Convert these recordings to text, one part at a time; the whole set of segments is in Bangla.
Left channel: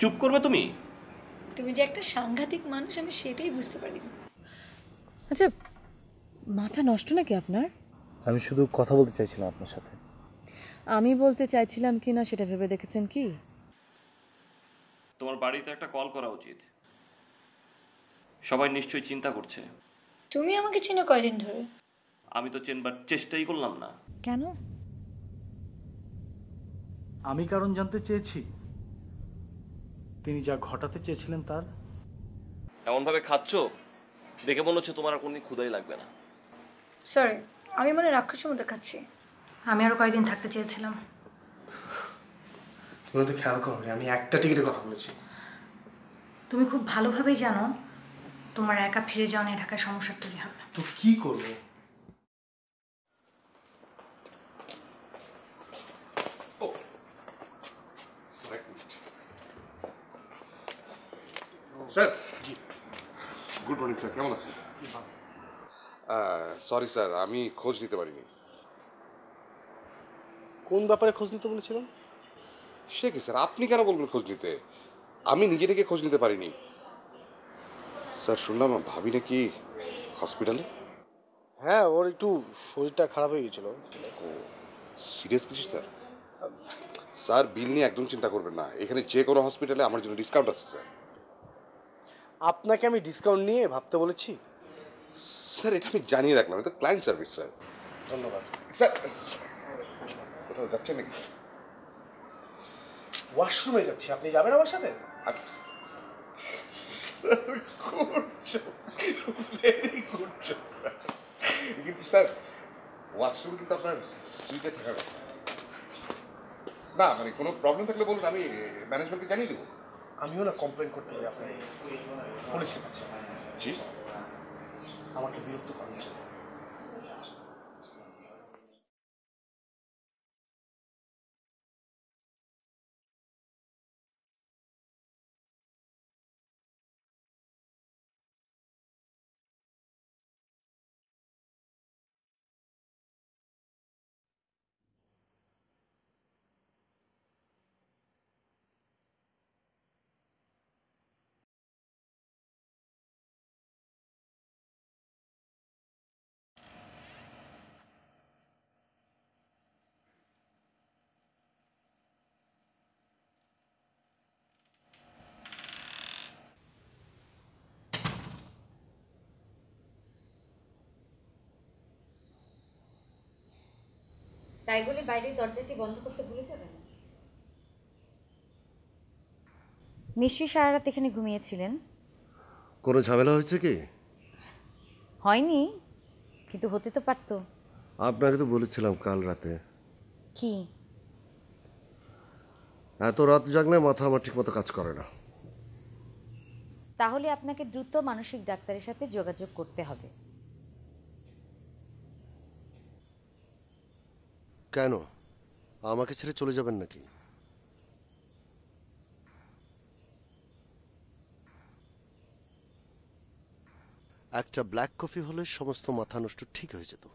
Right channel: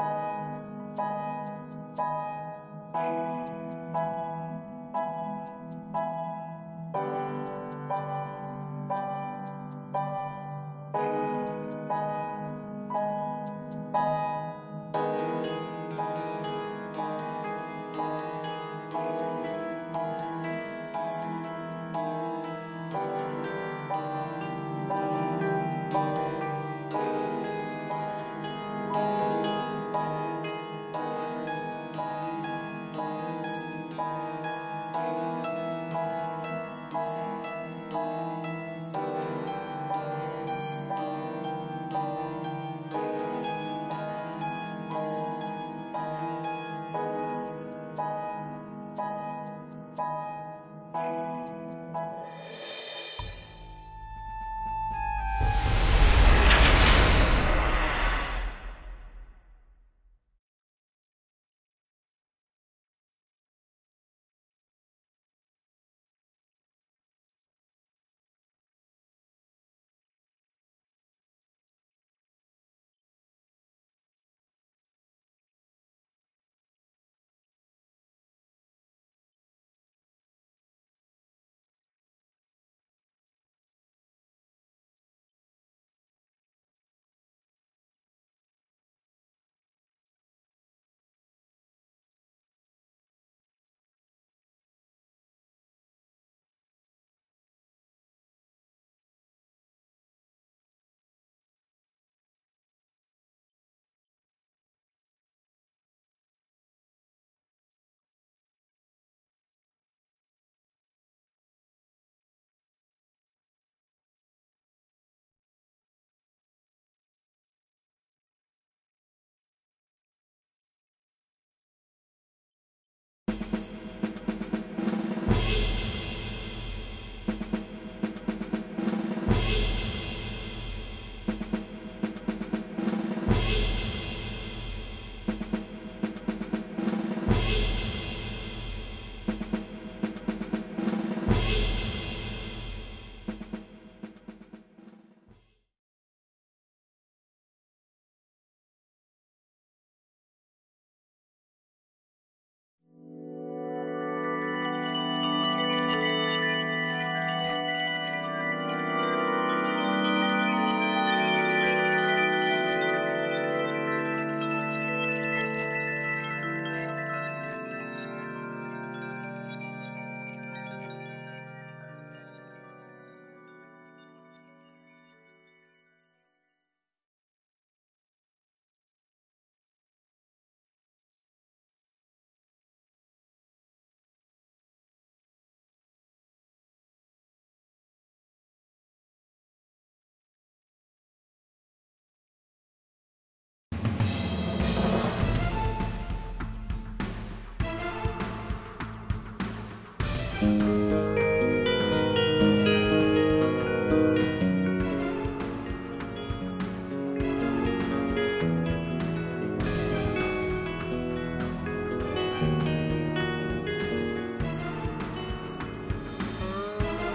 চুপ করবে তুমি? তুমি যে একটা সাংঘাতিক মানুষ আমি সেটাই বুঝতে পারি। আচ্ছা, মাথা নষ্ট নাকি আপনার? আমি শুধু কথা বলতে চাইছিলাম আপনার সাথে। আমি বলতে চাইছিলাম কিনা সেটা ভেবে দেখেছেন কি? তোমার বাড়িতে একটা কল করা উচিত। সবাই নিশ্চয়ই চিন্তা করছে। তুমি আমাকে চেনো কয়দিন ধরে? আমি তো চেনবার চেষ্টাই করলাম না। কেন? আমি কারণ জানতে চেয়েছি, তিনি যা ঘটাতে চেয়েছিলেন তা। এমন ভাবে খাচ্ছ দেখে মনে হচ্ছে তোমার কোনো ক্ষুধাই লাগবে না। সরি, আমি মানে রাক্ষসের মধ্যে খাচ্ছি। আমি আরো কয়দিন থাকতে চেয়েছিলাম। তুমি তো খেয়াল করো, আমি একটা টিকিটের কথা বলেছি। তুমি খুব ভালোভাবেই জানো তোমার একা ফিরে যাওয়া নিয়ে ঢাকায় সমস্যা তৈরি হবে। তো কি করবে? স্যার, গুড মর্নিং স্যার, কেমন আছেন? সরি স্যার, আমি খোঁজ নিতে পারিনি। কোন ব্যাপারে খোঁজ নিতে বলেছিলেন? সে কি স্যার, আপনি কেন বলবেন খোঁজ নিতে? আমি নিজে থেকে খোঁজ নিতে পারিনি। স্যার, শুনলাম ভাবি নাকি হসপিটালে। হ্যাঁ, ওর একটু শরীরটা খারাপ হয়ে গেছিল। ও, সিরিয়াস কিছু স্যার? স্যার, বিল নিয়ে একদম চিন্তা করবেন না, এখানে যে কোনো হসপিটালে আমার জন্য ডিসকাউন্ট আছে স্যার। আপনাকে আমি ডিসকাউন্ট নিয়ে ভাবতে বলেছি? স্যার, এটা আমি জানিয়ে রাখলাম, এটা ক্লায়েন্ট সার্ভিস স্যার। ধন্যবাদ স্যার। কোথাও যাচ্ছেন নাকি? ওয়াশরুমে যাচ্ছি, আপনি যাবেন আমার সাথে? কিন্তু স্যার, ওয়াশরুম কিন্তু আপনার সুইটে থাকার কথা না। মানে কোনো প্রবলেম থাকলে বলুন, আমি ম্যানেজমেন্টকে জানিয়ে দেবো। আমিও না কমপ্লেন করতে পারি আপনার পুলিশের কাছে। জি। তাই বলে বাইরের দরজাটি বন্ধ করতে ভুলে যাবেন। নিশ্চয়ই সারা রাত এখানে ঘুমিয়েছিলেন। কোনো ঝামেলা হয়েছে কি? হয়নি, কিন্তু হতে তো পারতো। আপনাকে তো বলেছিলাম কাল রাতে। কি? এত রাত জাগলে মাথা আমার ঠিক মতো কাজ করে না। তাহলে আপনাকে দ্রুত মানসিক ডাক্তারের সাথে যোগাযোগ করতে হবে। কেন আমাকে ছেড়ে চলে যাবেন নাকি? একটা ব্ল্যাক কফি হলে সমস্ত মাথা নষ্ট ঠিক হয়ে যাবে।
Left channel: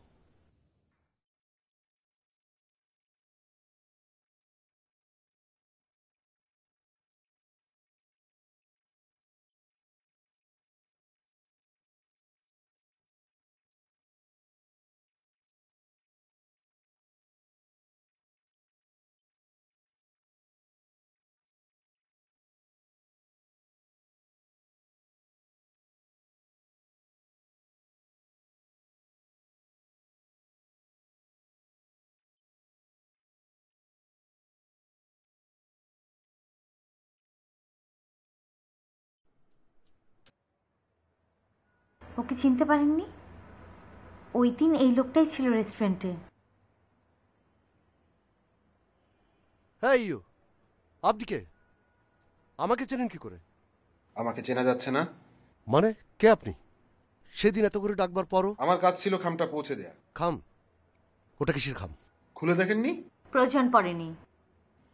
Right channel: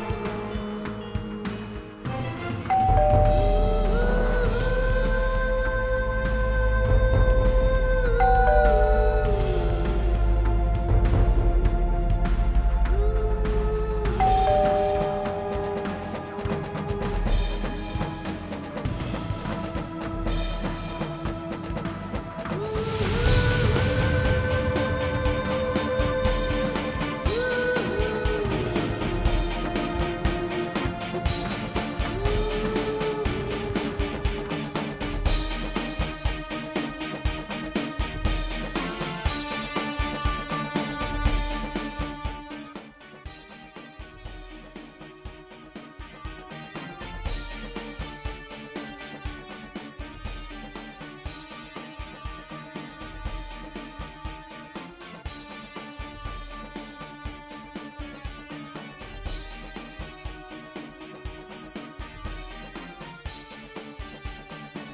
চিনতে পারেননি? ওই দিন এই লোকটাই ছিল রেস্টুরেন্টে। এই আপনি কে? আমাকে চেনেন কি করে? আমাকে চেনা যাচ্ছে না মানে কে আপনি? সেদিন এত করে ডাকবার পরও আমার কাজ ছিল খামটা পৌঁছে দেওয়া। খাম? ওটা কিসের খাম? খুলে দেখেননি? প্রয়োজন পড়েনি।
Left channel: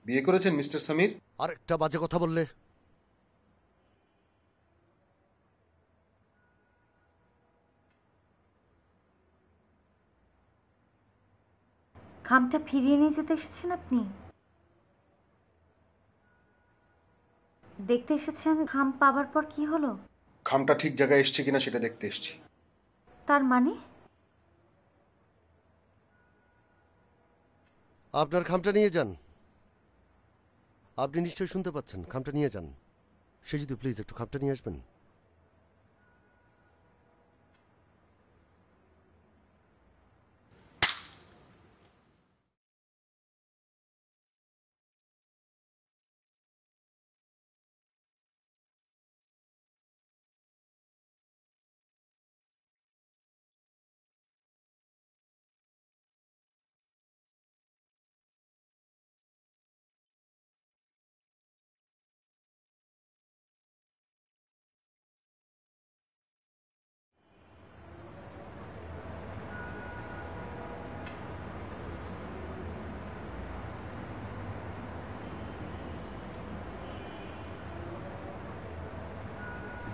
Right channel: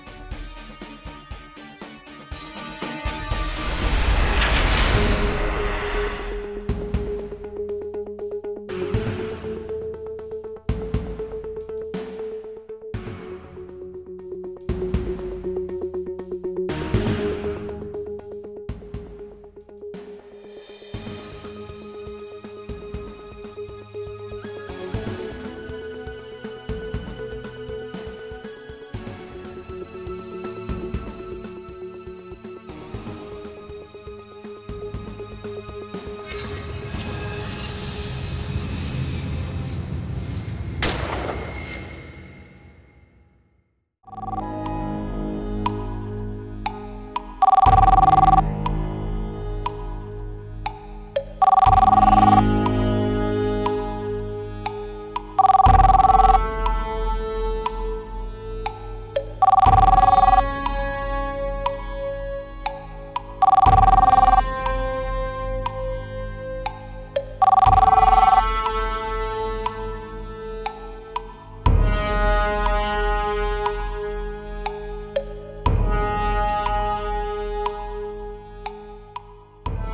বিয়ে করেছেন মিস্টার সমীর? আর একটা বাজে কথা বললে। খামটা ফিরিয়ে নিয়ে যেতে এসেছেন আপনি? দেখতে এসেছেন, খাম পাবার পর কি হলো? খামটা ঠিক জায়গায় এসছে কিনা সেটা দেখতে এসেছি। তার মানে? আপনার খামটা নিয়ে যান। আপনি নিশ্চয়ই শুনতে পাচ্ছেন, খামটা নিয়ে যান। সে যদি প্লিজ একটু খামটা নিয়ে আসবেন।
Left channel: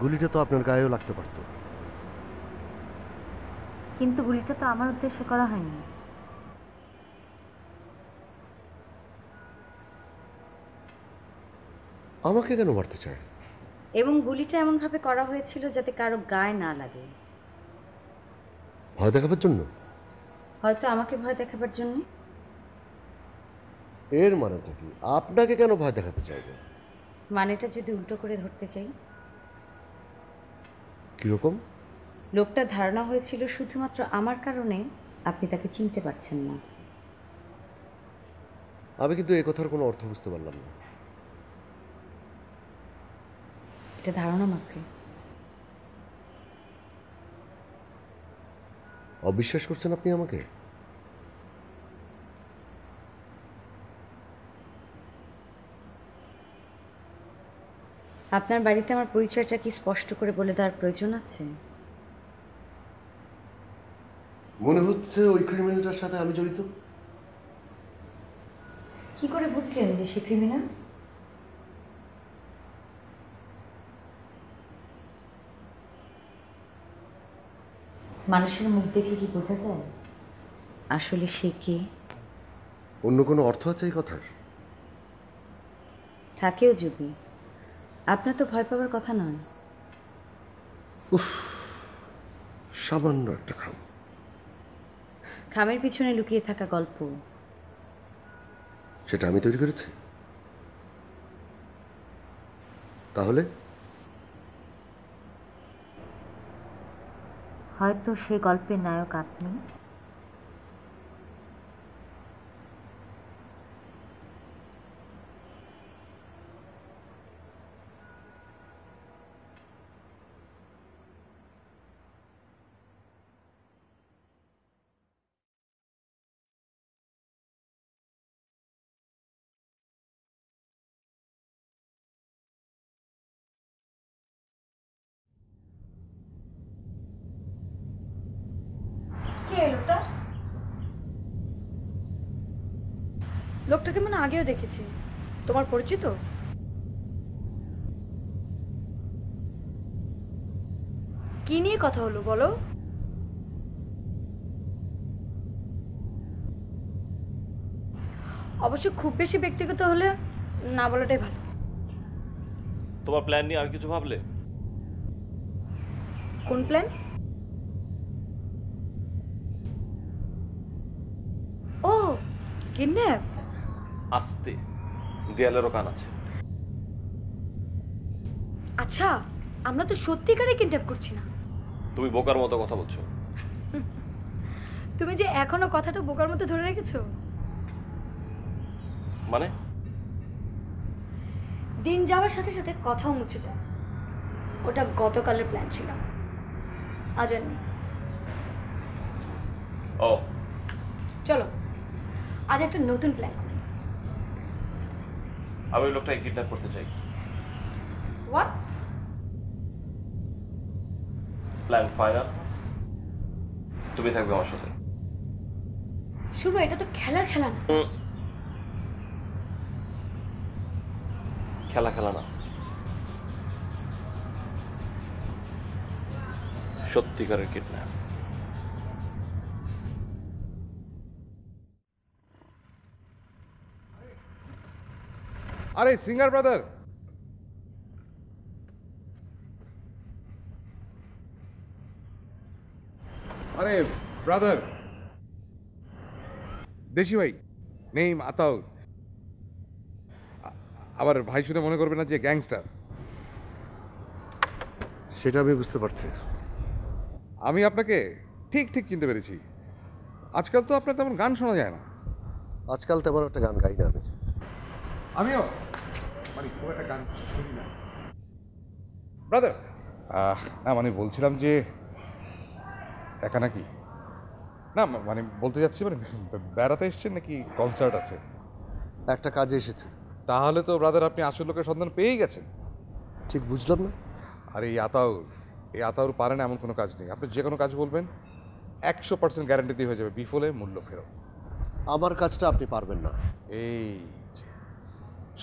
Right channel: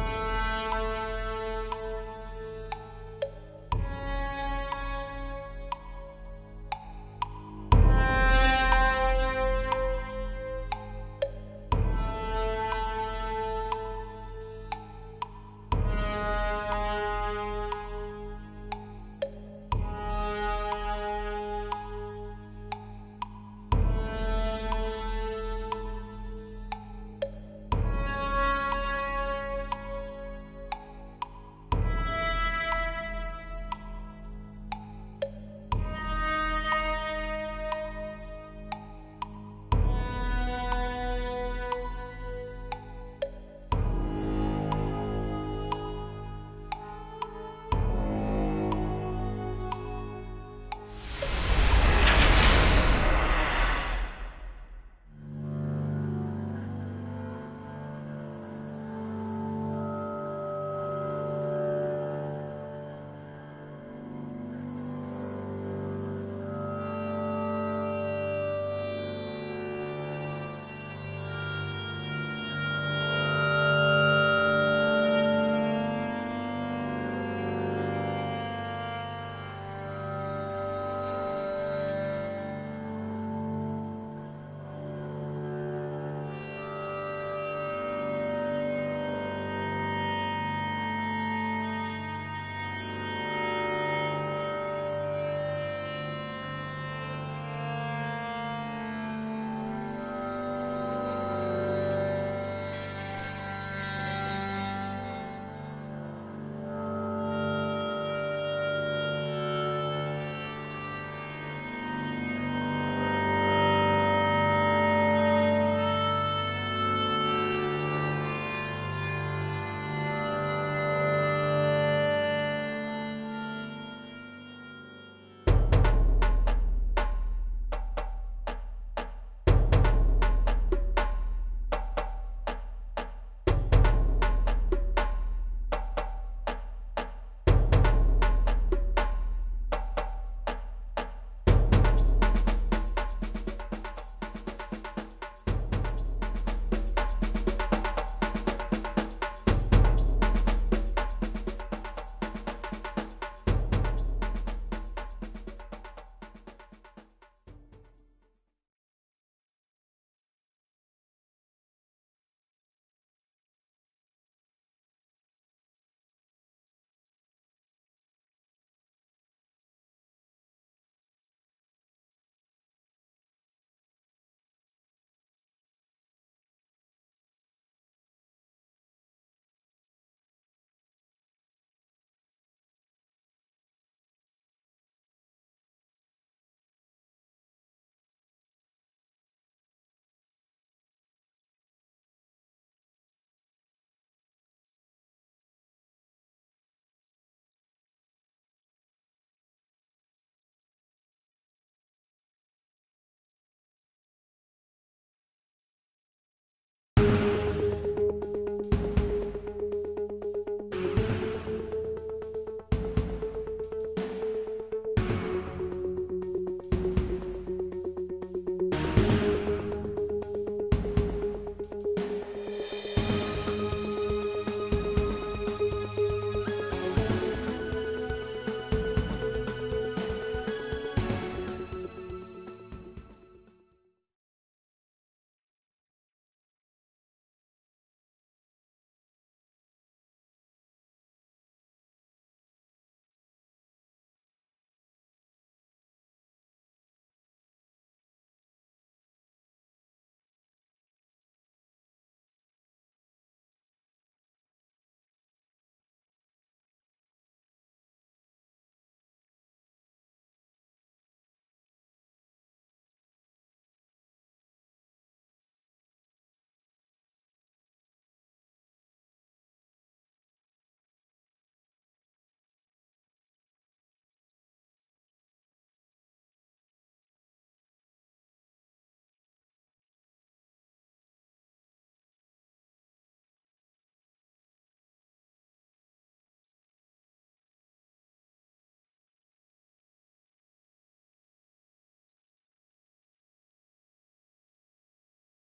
গুলিটা তো আপনার গায়েও লাগতে পারত। কিন্তু গুলিটা তো আমার উদ্দেশ্যে করা হয়নি। আমাকে কেন মারতে চায়? এবং গুলিটা এমনভাবে করা হয়েছিল যাতে কারো গায়ে না লাগে। ভয় দেখাবার জন্য? হয়তো আমাকে ভয় দেখাবার জন্য। এর মানে আপনাকে কেন ভয় দেখাতে চাইবে? মানেটা যদি উল্টো করে দেখতে চাই, কিরকম? লোকটার ধারণা হয়েছিল শুধুমাত্র আমার কারণে আপনি তাকে চিনতে পারছেন না। আমি কিন্তু এই কথার কোনো অর্থ বুঝতে পারলাম না। এটা ধারণা মাত্র। অবিশ্বাস করছেন আপনি আমাকে? আপনার বাড়িতে আমার পরিচয়টা কি স্পষ্ট করে বলে দেওয়ার প্রয়োজন আছে? মনে হচ্ছে ওই ক্রিমিনালটার সাথে আমি জড়িত। কি করে বুঝলেন যে সে ক্রিমিনাল? মানুষের মুখ দেখে কি বোঝা যায় আসলে সে কে? অন্য কোনো অর্থ আছে এই কথার? থাকেও যদি, আপনার তো ভয় পাওয়ার কথা নয়। সামান্য একটা খাম। খামের পিছনে লুকিয়ে থাকা গল্প। সেটা আমি তৈরি করেছি? তাহলে হয়তো সে গল্পের নায়ক আপনি। লোকটাকে মানে আগেও দেখেছি। তোমার পরিচিত? কি নিয়ে কথা হলো বলো? অবশ্য খুব বেশি ব্যক্তিগত হলে না বলাটাই ভালো। তোমার প্ল্যান নিয়ে আর কিছু ভাবলে? কোন প্ল্যান? ও কিডন্যাপ। আস্তে, দেয়ালেরও কান আছে। আচ্ছা, আমরা তো সত্যিকারে কিডন্যাপ করছি না। তুমি বোকার মতো কথা বলছো। তুমি যে এখনো কথাটা বোকার মতো ধরে রেখেছো। মানে? দিন যাওয়ার সাথে সাথে কথাও মুছে যায়। ওটা গতকালের প্ল্যান ছিল, আজ আর নেই। ও, চলো আজ একটা নতুন প্ল্যান করি। আমি ওই লোকটাকে কিডন্যাপ করতে চাই। হোয়াট? প্ল্যান ফাইনাল, তুমি থাকবে আমার সাথে। শুনো, এটা তো খেলার খেলা না। খেলা খেলা না, সত্যিকারের কিডন্যাপ। আরে সিঙ্গার ব্রাদার, আরে ব্রাদার, দেশি ভাই, নেম আতাউর। আবার ভাই শুনে মনে করবে না যে গ্যাংস্টার। সেটা আমি বুঝতে পারছি। আমি আপনাকে ঠিক ঠিক চিনতে পেরেছি। আজকাল তো আপনার তেমন গান শোনা যায় না। আজকাল তেমন একটা গান গাই না আমি। আমিও মানে খুব একটা গান শুনি না ব্রাদার। না মানে বলছিলাম যে একা নাকি, না মানে বলতে যাচ্ছি মানে বেড়াতে এসছেন নাকি কনসার্ট আছে? একটা কাজে এসেছে। তাহলে তো ব্রাদার আপনি আসল লোকের সন্ধান পেয়েই গেছেন। ঠিক বুঝলাম না। আর এই আতাউর পারে না এমন কোনো কাজ নেই। আপনি যে কোনো কাজ বলবেন 100% গ্যারান্টি দিয়ে হয়ে যাবে, বিফলে মূল্য ফেরত। আমার কাজটা আপনি পারবেন না। এই যে,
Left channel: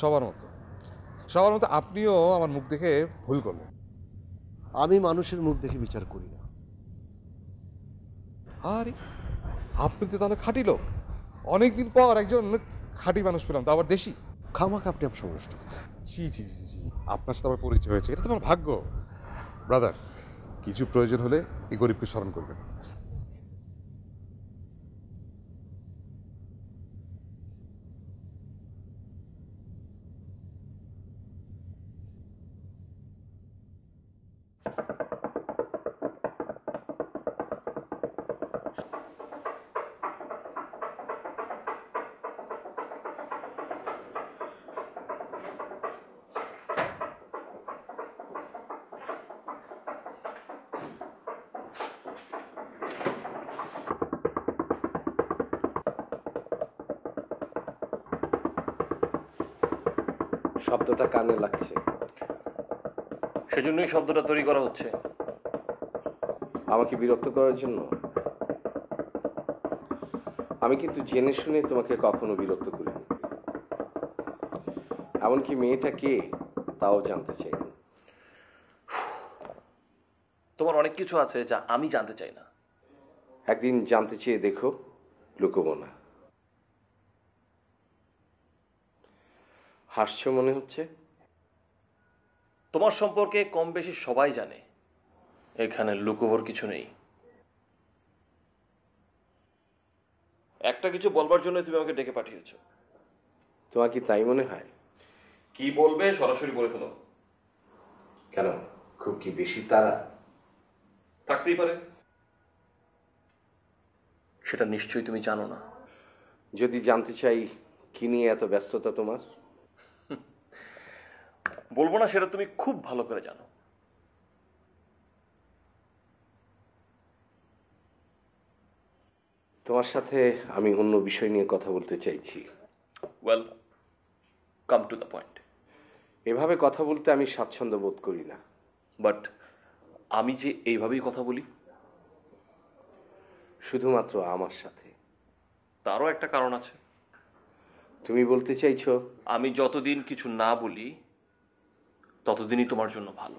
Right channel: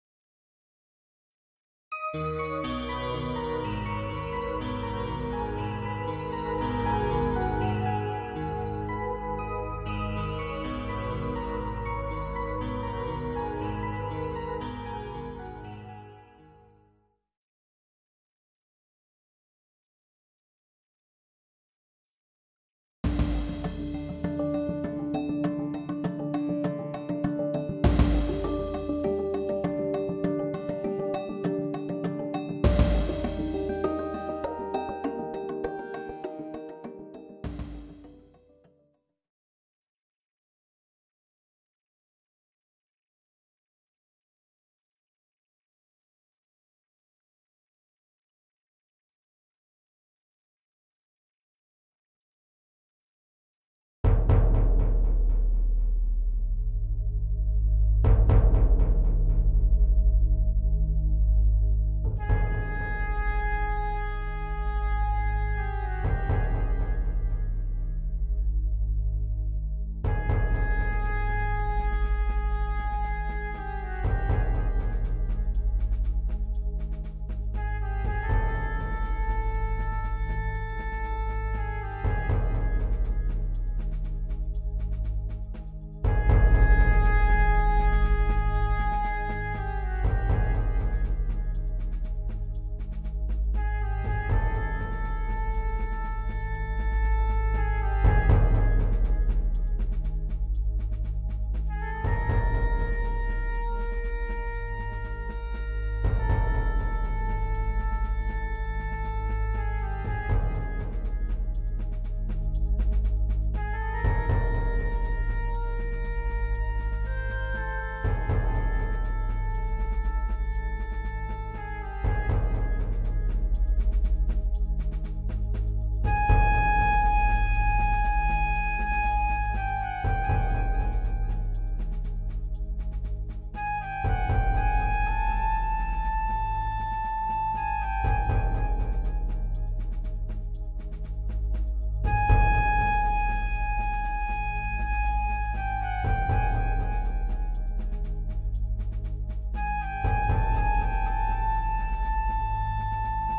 সবার মতো আপনিও আমার মুখ দেখে ভুল করবেন। আমি মানুষের মুখ দেখে বিচার করি। আরে আপনি তো তাহলে খাঁটি লোক। অনেকদিন পর একজন খাঁটি মানুষ পেলাম, তো আবার দেশি। খামাকে আপনি অপসর নষ্ট করছেন। জি, আপনার সাথে আমার পরিচয় হয়েছে, এটা তোমার ভাগ্য। ব্রাদার, কিছু প্রয়োজন হলে এই গরিবকে স্মরণ করবেন। শব্দটা কানে লাগছে, সেজন্যই শব্দটা তৈরি করা হচ্ছে। আমাকে বিরক্ত করার জন্য? আমি কিন্তু জেনে শুনে তোমাকে কখনো বিরক্ত করি না। এমনকি মেয়েটা কে তাও জানতে চাই। তোমার অনেক কিছু আছে যা আমি জানতে চাই না। একদিন জানতে চেয়ে দেখো, লুকোবো না। হাসছো মনে হচ্ছে। তোমার সম্পর্কে কম বেশি সবাই জানে, এখানে লুকোবার কিছু নেই। একটা কিছু বলবার জন্য তুমি আমাকে ডেকে পাঠিয়েছো। তোমার কি তাই মনে হয়? কি বলবে সরাসরি বলে ফেলো। কেন, খুব কি বেশি তারা? থাকতেই পারে, সেটা নিশ্চয়ই তুমি জানো না। যদি জানতে চাই কি নিয়ে এত ব্যস্ততা তোমার? বলবো না, সেটা তুমি খুব ভালো করে জানো। তোমার সাথে আমি অন্য বিষয় নিয়ে কথা বলতে চাইছি। Well, come to the point. এভাবে কথা বলতে আমি স্বাচ্ছন্দ্য বোধ করি না। বাট আমি যে এইভাবেই কথা বলি, শুধুমাত্র আমার সাথে। তারও একটা কারণ আছে। তুমি বলতে চাইছো আমি যতদিন কিছু না বলি ততদিনই তোমার জন্য ভালো।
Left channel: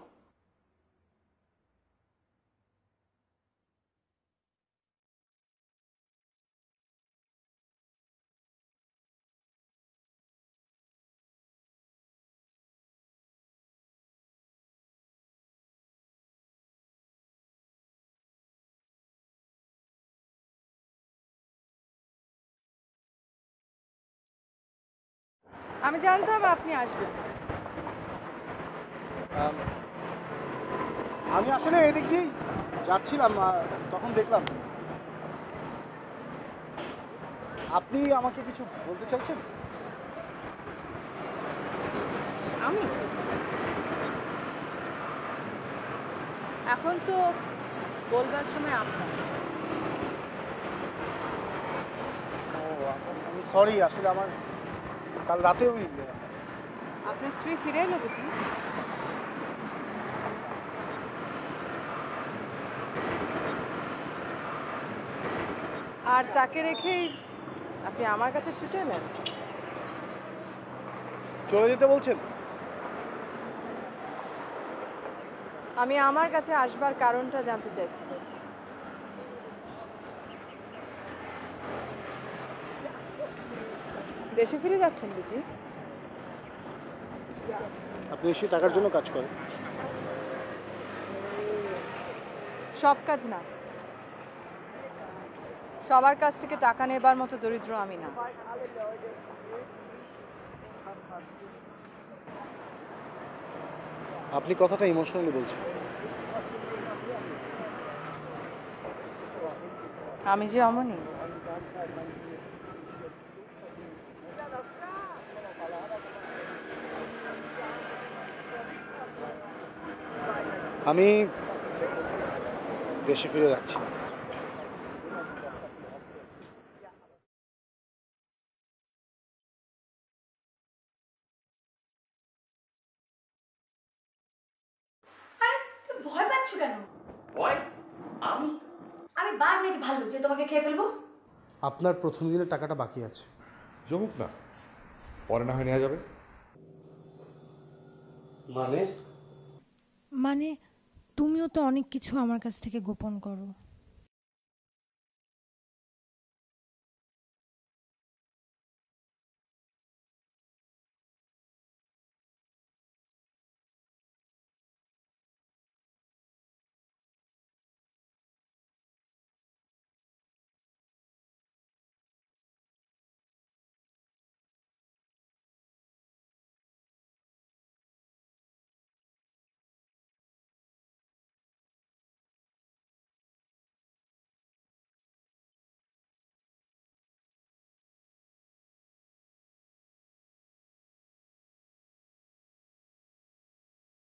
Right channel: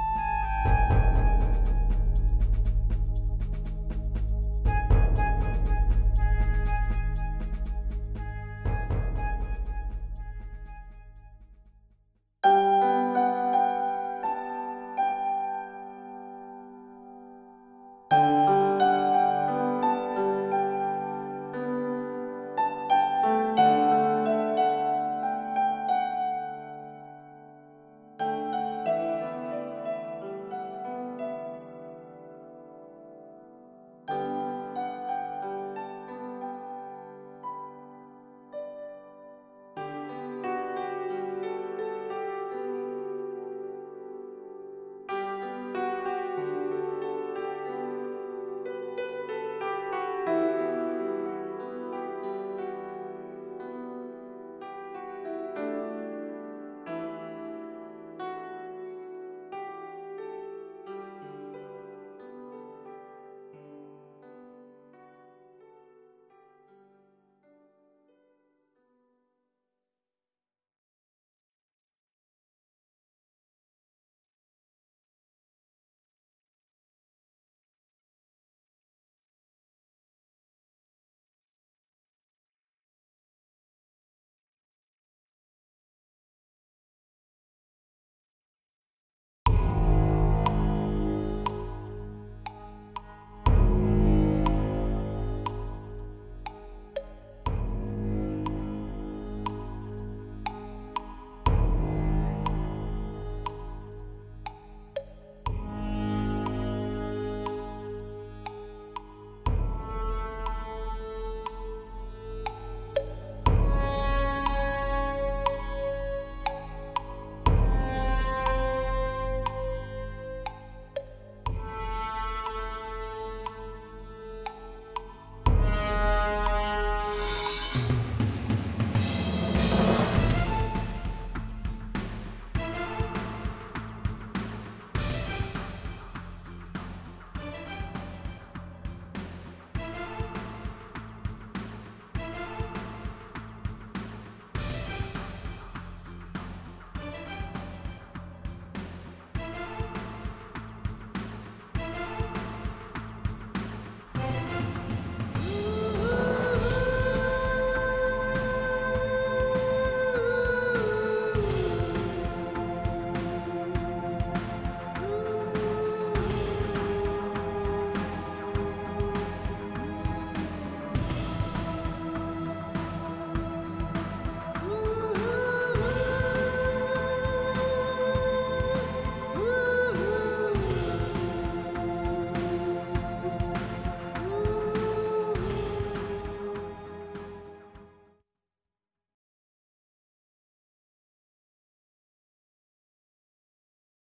আমি জানতাম আপনি আসবেন। আমি আসলে এদিক দিয়েই যাচ্ছিলাম, তখন দেখলাম। আপনি আমাকে কিছু বলতে চাইছেন? আমি এখন তো বলবার সময় আপনার। সরি, আসলে আমার কাল রাতেও আপনার স্ত্রী ফিরে এলো বুঝি? আর তাকে রেখেই আপনি আমার কাছে ছুটে এলেন? চলে যেতে বলছেন? আমি আমার কাছে আসবার কারণটা জানতে চাইছি। দেশে ফিরে যাচ্ছেন বুঝি? আপনি নিশ্চয়ই টাকার জন্য কাজ করেন। সব কাজ না, সবার কাছ থেকে টাকা নেবার মতো দরিদ্র আমি না। আপনি কথাটা ইমোশনালি বলছেন। আমি যে অমনি। আমি দেশে ফিরে যাচ্ছি। ভয় পাচ্ছ কেন? আমি বাঘ নাকি ভালো যে তোমাকে খেয়ে ফেলবো? আপনার প্রথম দিনের টাকাটা বাকি আছে। জমুক না, পরে না হয় নেওয়া যাবে। মানে তুমিও তো অনেক কিছু আমার কাছ থেকে গোপন করো।